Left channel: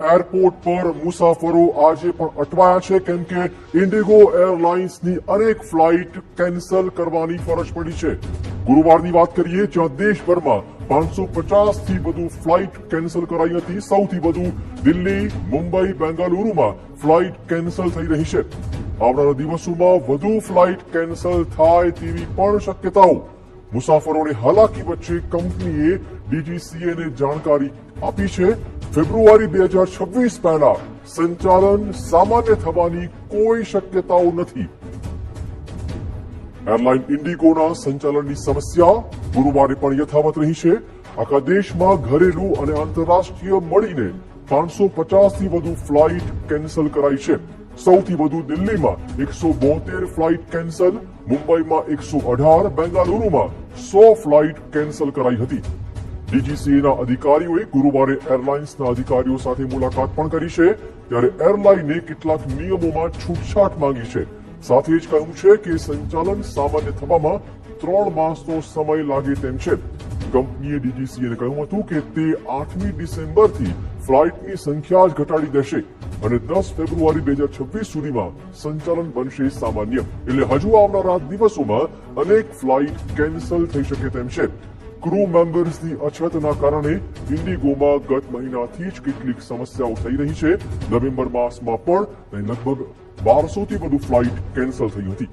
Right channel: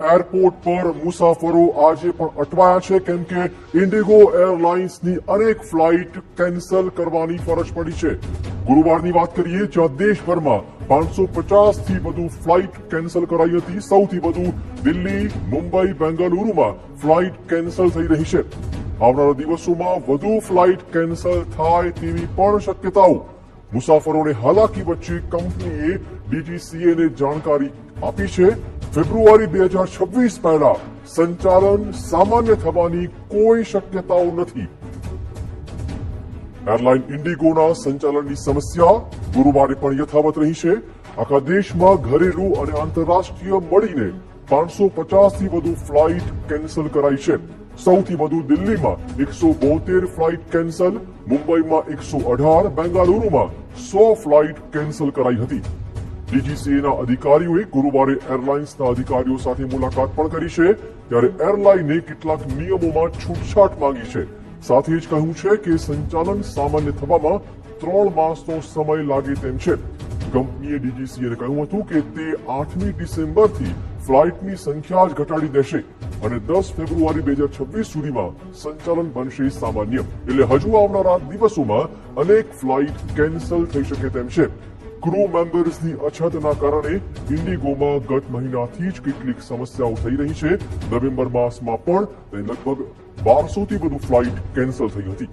Airport પર મુસાફરો આજે પણ અટવાયા છે કેમ કે ઇન્ડિગો એરલાઇન્સની અનેક ફ્લાઇટ કેન્સલ કરવાની ફરજ પડી છે. ગુરુવારની વાત કરીએ જ્યાં દેશભરમાં 550 થી વધુ ફ્લાઇટ કેન્સલ કરાઈ હતી. સૌથી વધુ દિલ્હી, મુંબઈ, બેંગલુરુમાં ફ્લાઇટ કેન્સલ થઈ રહી છે. આવનારા દિવસોમાં વધુ ફ્લાઇટ કેન્સલ થાય તેવી પણ શક્યતાઓ. મુસાફરોને હાલાકી વચ્ચે કંપનીએ ડીજીસીએને જાણકારી આપી છે. ફેબ્રુઆરી 2026 પહેલા સંચાલન સામાન્ય થવાની કોઈ શક્યતાઓ નથી. એરલાઇન ઇન્ડિગોના સંચાલનની સમસ્યા ગુરુવારે પણ યથાવત રહી છે. આખા દેશમાં ઘરેલું અને આંતરરાષ્ટ્રીય મળીને 550 થી વધુ ફ્લાઇટ કેન્સલ કરાઈ છે. સૌથી વધુ દિલ્હીમાં 172 ફ્લાઇટ કેન્સલ, મુંબઈમાં 118, બેંગાલુરુમાં 100 ફ્લાઇટ કેન્સલ કરાઈ હતી. ડીજીસીએના અધિકારીઓએ ગુરુવારે એરલાઇન્સના અધિકારીઓ સાથે મુલાકાત પણ કરી છે. ત્યારે એરલાઇને કેટલાક નિયમોમાં છૂટછાટ માંગી છે. સાથે જ કહ્યું છે કે સંચાલન સામાન્ય થવામાં 3 માસનો સમય લાગે તેમ છે. કંપનીએ ડીજીસીએને કહ્યું હતું કે તે 8મી ડિસેમ્બરથી ફ્લાઇટની સંખ્યા જ ઘટાડી દેશે અને 10 ફેબ્રુઆરી 2026 સુધીમાં સંચાલન બનશે સામાન્ય. એટલે હજુ આવનારા દિવસોમાં અનેક ફ્લાઇટ કેન્સલ થઈ શકે તેમ છે. ક્રૂ મેમ્બર્સની અછતના કારણે ઇન્ડિગોમાં ગત મહિનાથી જ કેટલીક સમસ્યાઓ થઈ રહી છે. નવેમ્બર માસમાં પણ લગભગ 1200 થી વધુ ફ્લાઇટ કેન્સલ થઈ હતી.